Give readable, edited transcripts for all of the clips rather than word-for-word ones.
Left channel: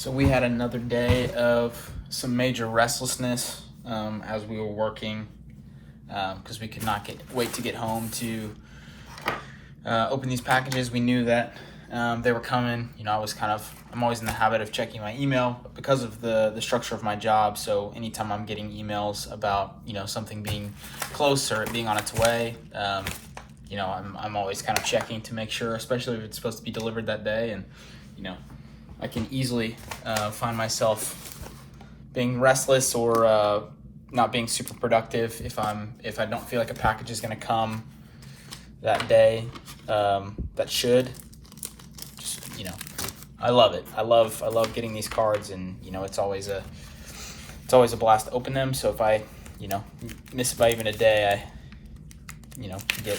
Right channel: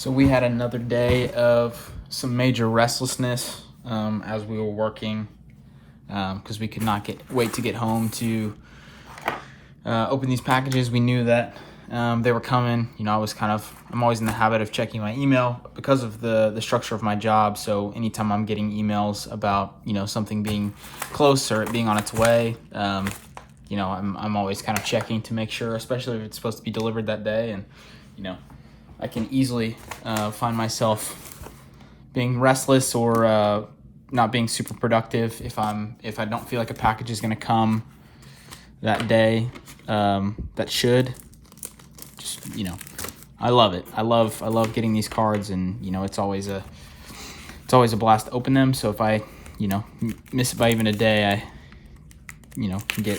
So we had another day of some major restlessness as we were working because we could not wait to get home to open these packages. We knew that they were coming. You know, I'm always in the habit of checking my email because of the structure of my job. So anytime I'm getting emails about, you know, something being close or it being on its way, you know, I'm always kind of checking to make sure, especially if it's supposed to be delivered that day. And, you know, I can easily find myself being restless or not being super productive if I don't feel like a package is going to come that day. That should. Just, you know, I love it. I love getting these cards, and you know, it's always a blast to open them. So if I, you know, miss it by even a day, I, you know, can get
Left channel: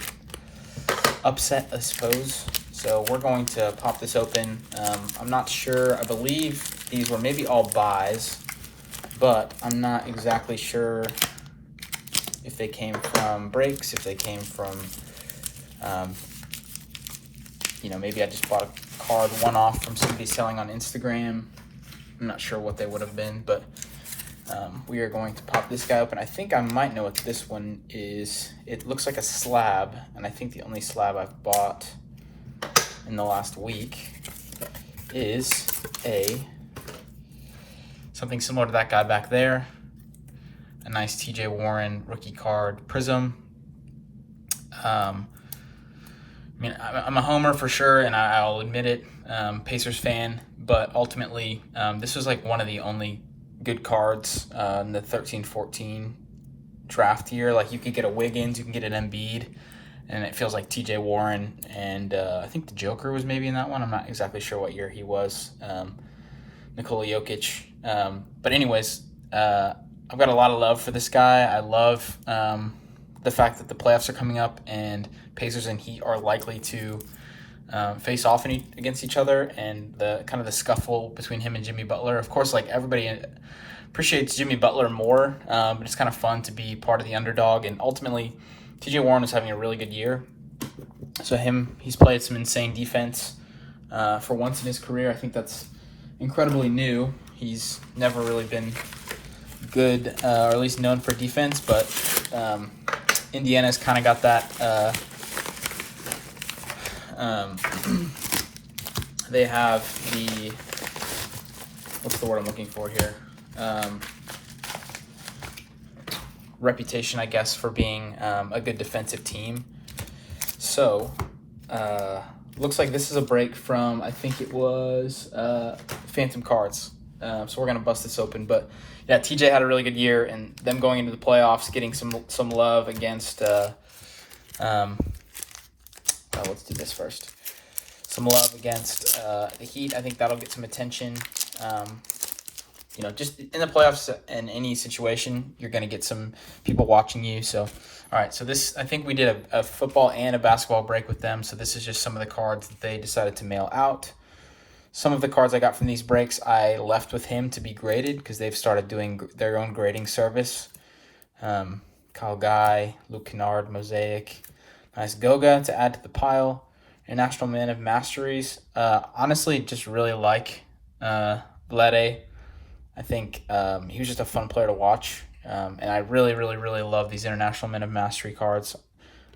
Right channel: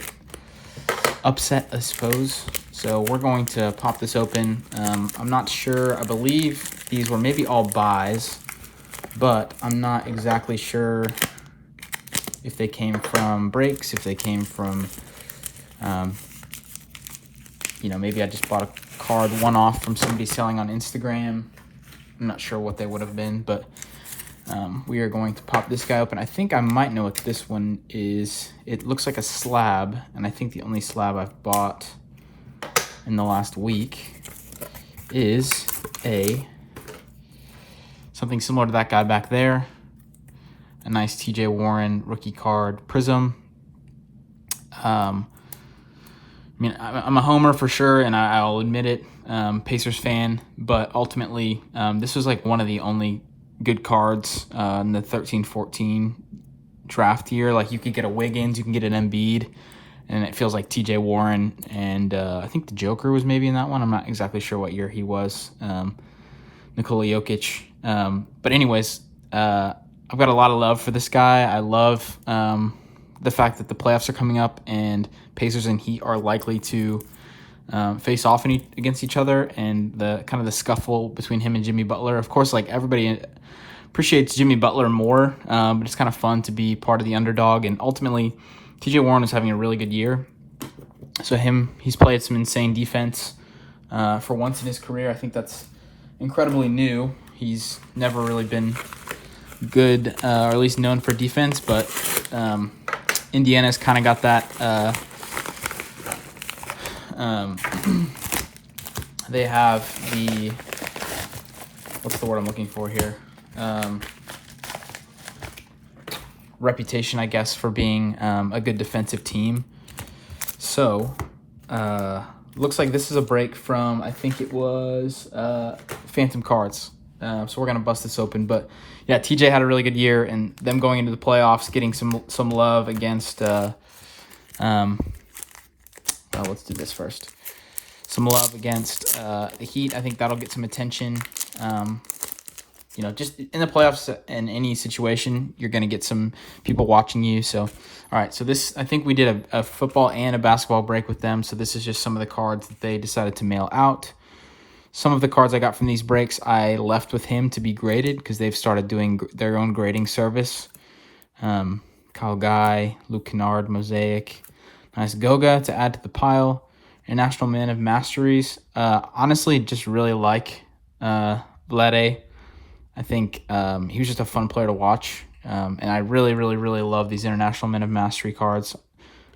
upset, I suppose. So we're going to pop this open. I'm not sure. I believe these were maybe all buys, but I'm not exactly sure if they came from breaks, if they came from, you know, maybe I just bought a card one-off from somebody selling on Instagram. I'm not sure what they would have been, but we are going to pop this guy open. I think I might know what this one is. It looks like a slab, and I think the only slab I've bought in the last week is something similar to that guy back there. A nice TJ Warren rookie card prism. I mean, I'm a homer for sure, and I'll admit it, Pacers fan, but ultimately, this was like one of the only good cards in the 13-14 draft year. Like, you could get a Wiggins, you can get an Embiid, and it feels like TJ Warren, and I think the Joker was maybe in that one. I'm not exactly sure what year he was. Nikola Jokic. But anyways, I've got a lot of love for this guy. I love the fact that the playoffs are coming up and Pacers and Heat are likely to face off against each other, and the kind of the scuffle between him and Jimmy Butler. Of course, like, everybody appreciates Jimmy Butler more, but it's kind of fun to be part of the underdog. And ultimately, TJ Warren is having a really good year. So he's played some insane defense for once in his career. I think that's incredibly new. He's never really been good, or at least known for defense, but Indiana's kind of got that. They have what's the word I'm looking for here? Reputation, I guess, for being a good defensive team. So, looks like this is a break from, I think it was Phantom Cards. So we're gonna bust this open, but yeah, TJ had a really good year, and them going into the playoffs, getting some love against. Let's do this first. Some love against the Heat. I think that'll get some attention. You know, just in the playoffs and any situation, you're going to get some people watching you. So, all right. So this, I think we did a football and a basketball break with them. So this is just some of the cards that they decided to mail out. Some of the cards I got from these breaks, I left with him to be graded because they've started doing their own grading service. Kyle Guy, Luke Kennard, Mosaic. Nice Goga to add to the pile. International Man of Masteries. Honestly, just really like Vlade. I think he was just a fun player to watch. And I really, really, really love these International Men of Mastery cards,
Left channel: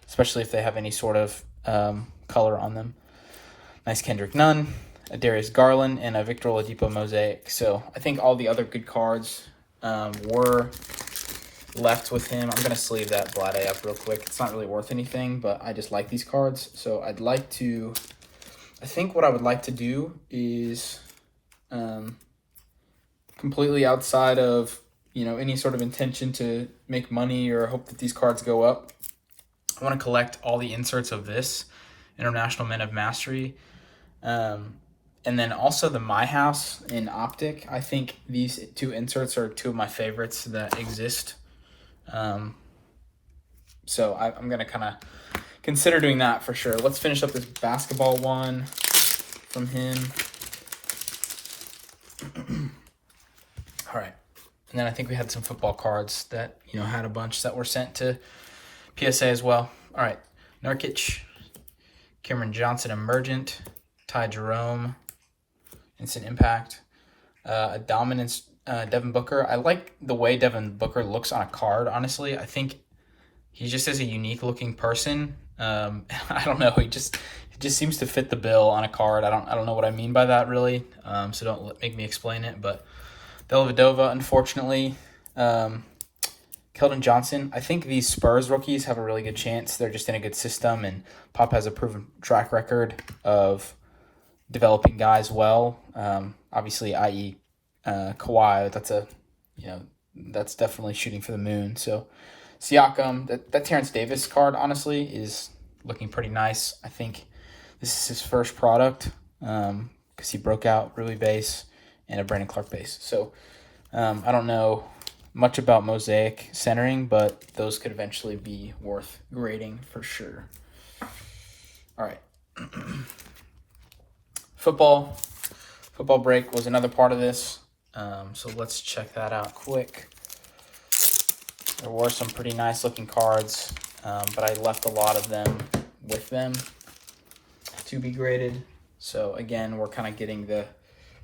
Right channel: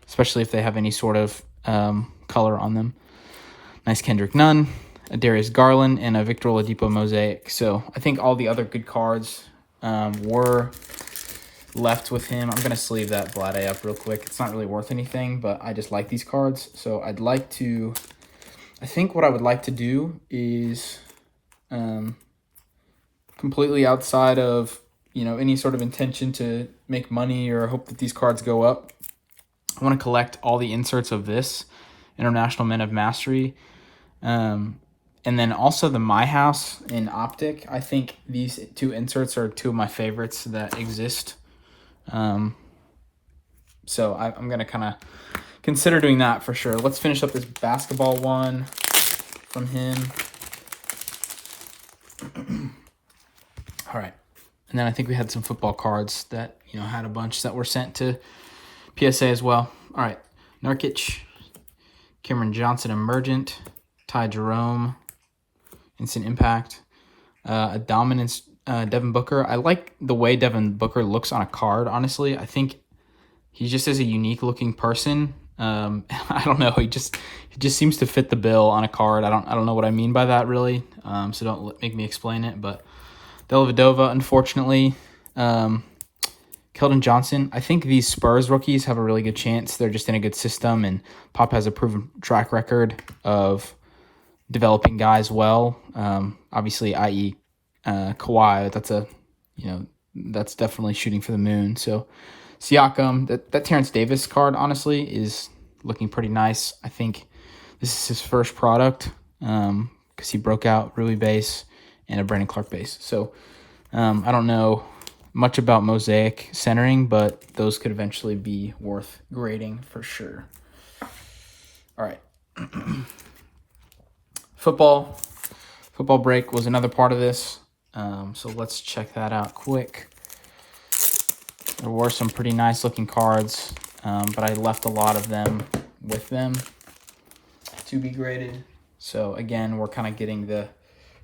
especially if they have any sort of color on them. Nice Kendrick Nunn, a Darius Garland, and a Victor Oladipo Mosaic. So I think all the other good cards were left with him. I'm going to sleeve that Vlade up real quick. It's not really worth anything, but I just like these cards. So I think what I would like to do is completely outside of, you know, any sort of intention to make money or hope that these cards go up. I want to collect all the inserts of this International Men of Mastery. And then also the My House in Optic. I think these two inserts are two of my favorites that exist. So I'm going to kind of consider doing that for sure. Let's finish up this basketball one from him. All right. And then I think we had some football cards that, you know, had a bunch that were sent to PSA as well. All right. Nurkic, Cameron Johnson, Emergent, Ty Jerome, Instant Impact, A dominance Devin Booker. I like the way Devin Booker looks on a card, honestly. I think he just is a unique looking person. I don't know. He just seems to fit the bill on a card. I don't know what I mean by that really. So don't make me explain it. But Dellavedova, unfortunately. Keldon Johnson. I think these Spurs rookies have a really good chance. They're just in a good system, and Pop has a proven track record of developing guys well. Obviously, i.e. Kawhi. That's definitely shooting for the moon. So Siakam, that Terrence Davis card, honestly, is looking pretty nice. I think this is his first product because he broke out Rui base and a Brandon Clark base. So I don't know much about mosaic centering, but those could eventually be worth grading for sure. All right. Football break was another part of this. So let's check that out quick. There were some pretty nice looking cards, but I left a lot of them with them to be graded. So again, we're kind of getting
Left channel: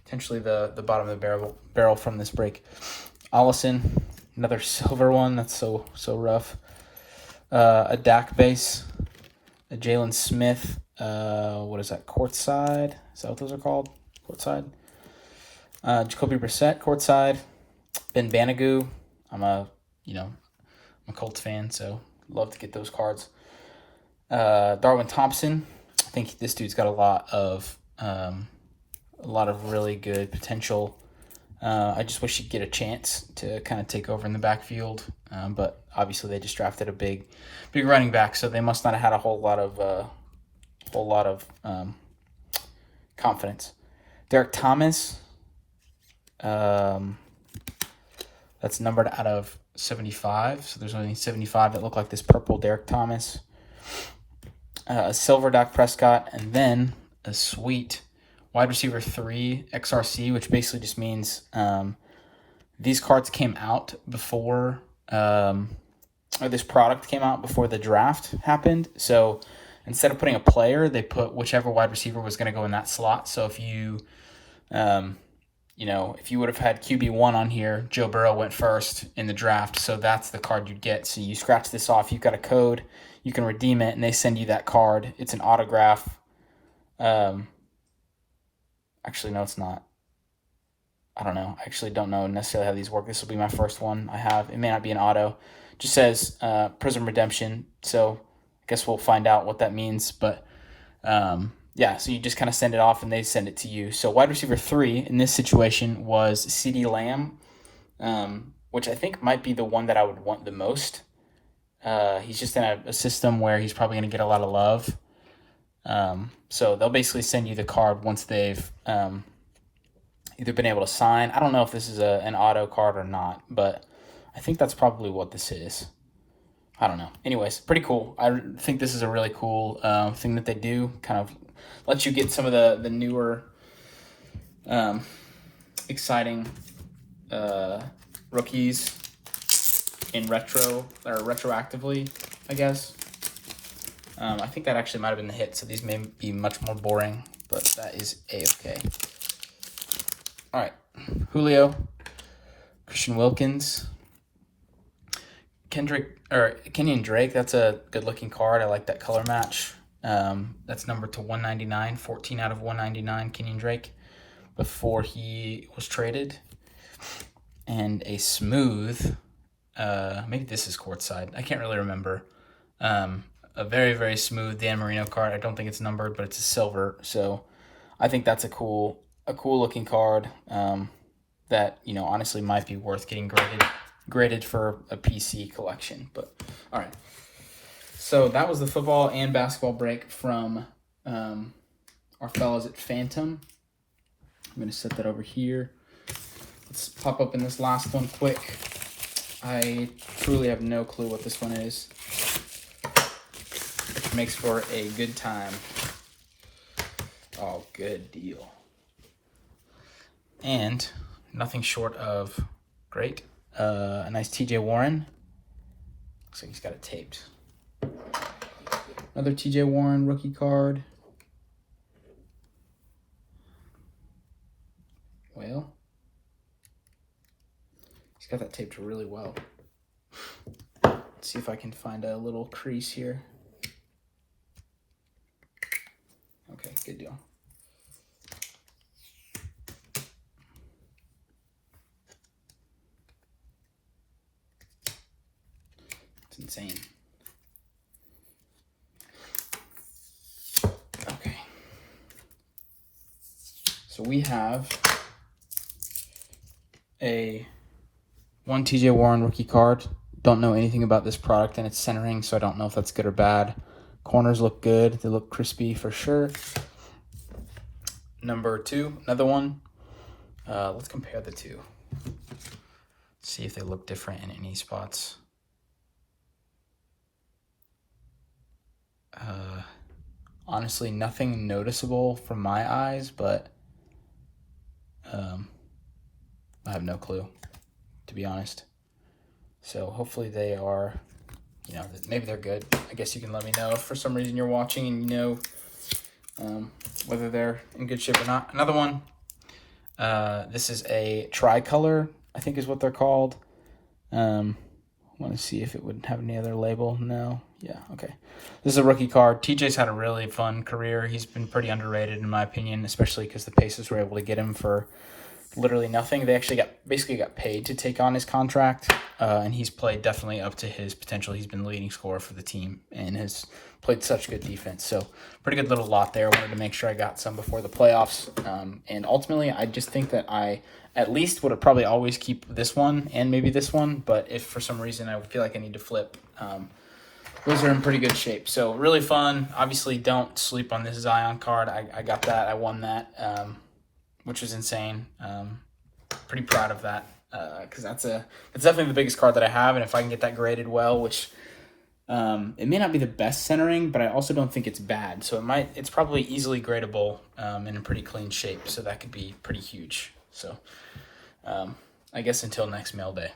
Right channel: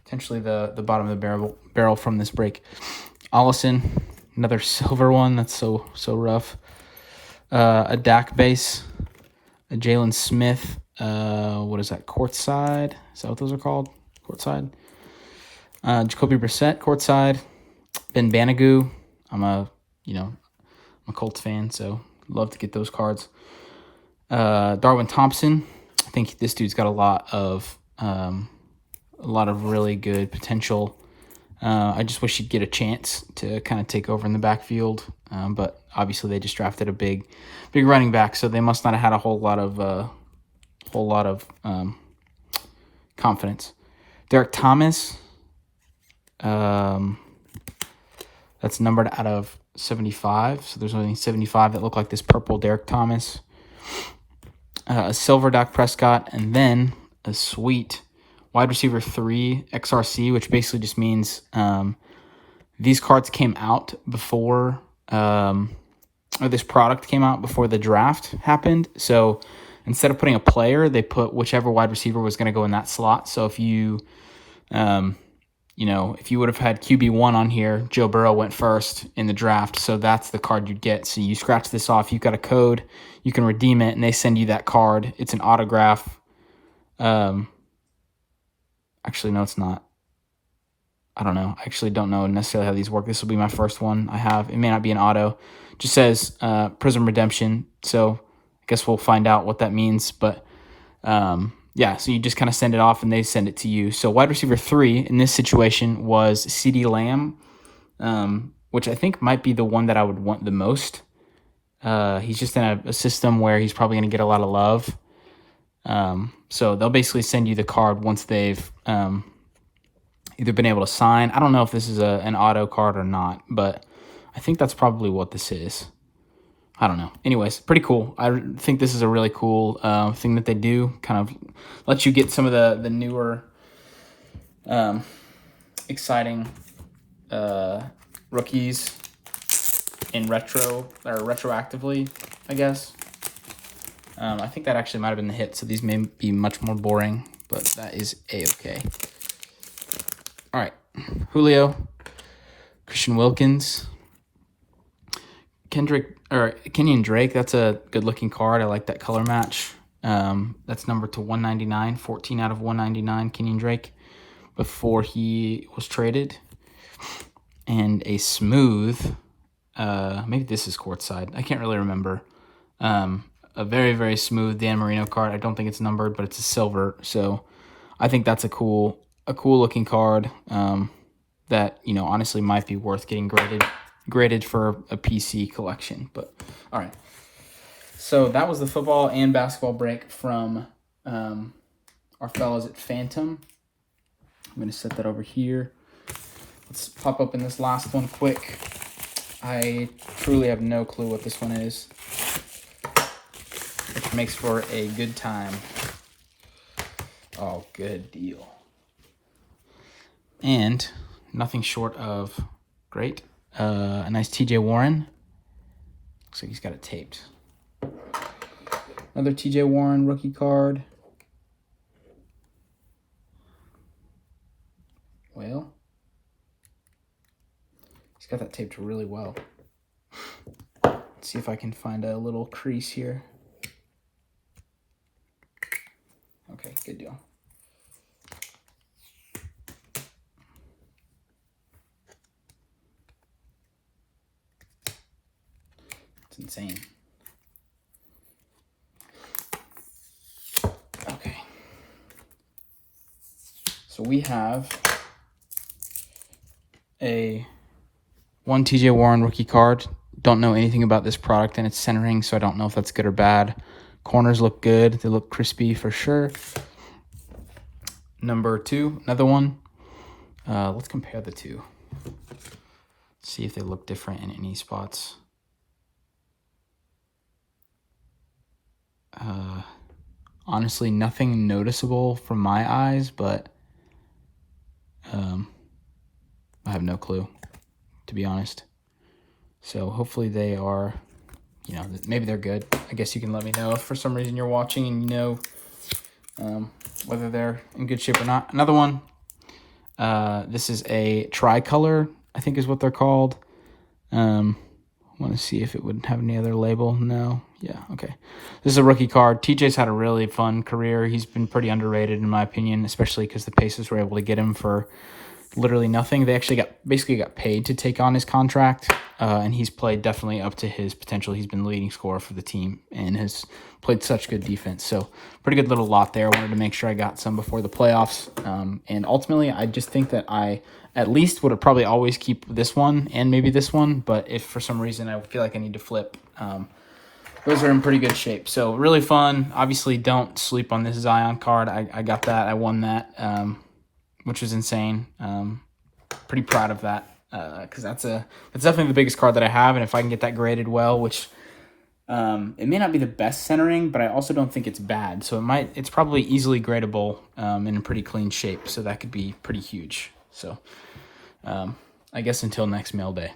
potentially the bottom of the barrel from this break. Allison, another silver one. That's so rough. A Dak base, a Jalen Smith. What is that? Courtside. Is that what those are called? Courtside. Jacoby Brissett, courtside. Ben Banagoo. I'm a Colts fan, so love to get those cards. Darwin Thompson. I think this dude's got a lot of really good potential. I just wish he'd get a chance to kind of take over in the backfield, but obviously they just drafted a big running back, so they must not have had a whole lot of confidence. Derek Thomas, that's numbered out of 75, so there's only 75 that look like this purple Derek Thomas. A silver Dak Prescott, and then a sweet wide receiver 3 XRC, which basically just means these cards came out before, or this product came out before the draft happened. So instead of putting a player, they put whichever wide receiver was going to go in that slot. So if you, if you would have had QB1 on here, Joe Burrow went first in the draft. So that's the card you'd get. So you scratch this off, you've got a code, you can redeem it, and they send you that card. It's an autograph. Actually, no, it's not. I don't know. I actually don't know necessarily how these work. This will be my first one I have. It may not be an auto. It just says Prism Redemption. So I guess we'll find out what that means. But yeah, so you just kind of send it off and they send it to you. So wide receiver 3 in this situation was CeeDee Lamb, which I think might be the one that I would want the most. He's just in a system where he's probably going to get a lot of love. So they'll basically send you the card once they've either been able to sign. I don't know if this is an auto card or not, but I think that's probably what this is. I don't know. Anyways, pretty cool. I think this is a really cool thing that they do. Kind of lets you get some of the newer, exciting rookies in retro or retroactively, I guess. I think that actually might have been the hit, so these may be much more boring, but that is A-okay. All right, Julio, Christian Wilkins, Kenyon Drake. That's a good-looking card. I like that color match. That's numbered to 199, 14 out of 199, Kenyon Drake, before he was traded. And a smooth, maybe this is courtside. I can't really remember. A very, very smooth Dan Marino card. I don't think it's numbered, but it's a silver. So I think that's a cool looking card that, honestly might be worth getting graded for a PC collection. But all right. So that was the football and basketball break from our fellows at Phantom. I'm going to set that over here. Let's pop up in this last one quick. I truly have no clue what this one is, which makes for a good time. Oh, good deal. And nothing short of great. A nice TJ Warren. Looks like he's got it taped. Another TJ Warren rookie card. Well, got that taped really well. Let's see if I can find a little crease here. Okay, good deal. It's insane. Okay. So we have a one TJ Warren rookie card. Don't know anything about this product and its centering, so I don't know if that's good or bad. Corners look good. They look crispy for sure. Number 2, another one. Let's compare the two. See if they look different in any spots. Honestly, nothing noticeable from my eyes, but I have no clue, to be honest. So hopefully they are, you know, maybe they're good. I guess you can let me know if for some reason you're watching and you know whether they're in good shape or not. Another one, this is a tricolor, I think is what they're called. I want to see if it would have any other label. No. Yeah, okay. This is a rookie card. TJ's had a really fun career. He's been pretty underrated in my opinion, especially because the Pacers were able to get him for literally nothing. They actually basically got paid to take on his contract, and he's played definitely up to his potential. He's been leading scorer for the team and has played such good defense. So pretty good little lot there. I wanted to make sure I got some before the playoffs. And ultimately, I just think that I at least would have probably always keep this one and maybe this one. But if for some reason I feel like I need to flip, those are in pretty good shape. So really fun. Obviously, don't sleep on this Zion card. I got that. I won that, which was insane. Pretty proud of that because that's definitely the biggest card that I have. And if I can get that graded well, which it may not be the best centering, but I also don't think it's bad. So it's probably easily gradable in a pretty clean shape. So that could be pretty huge. So I guess until next mail day.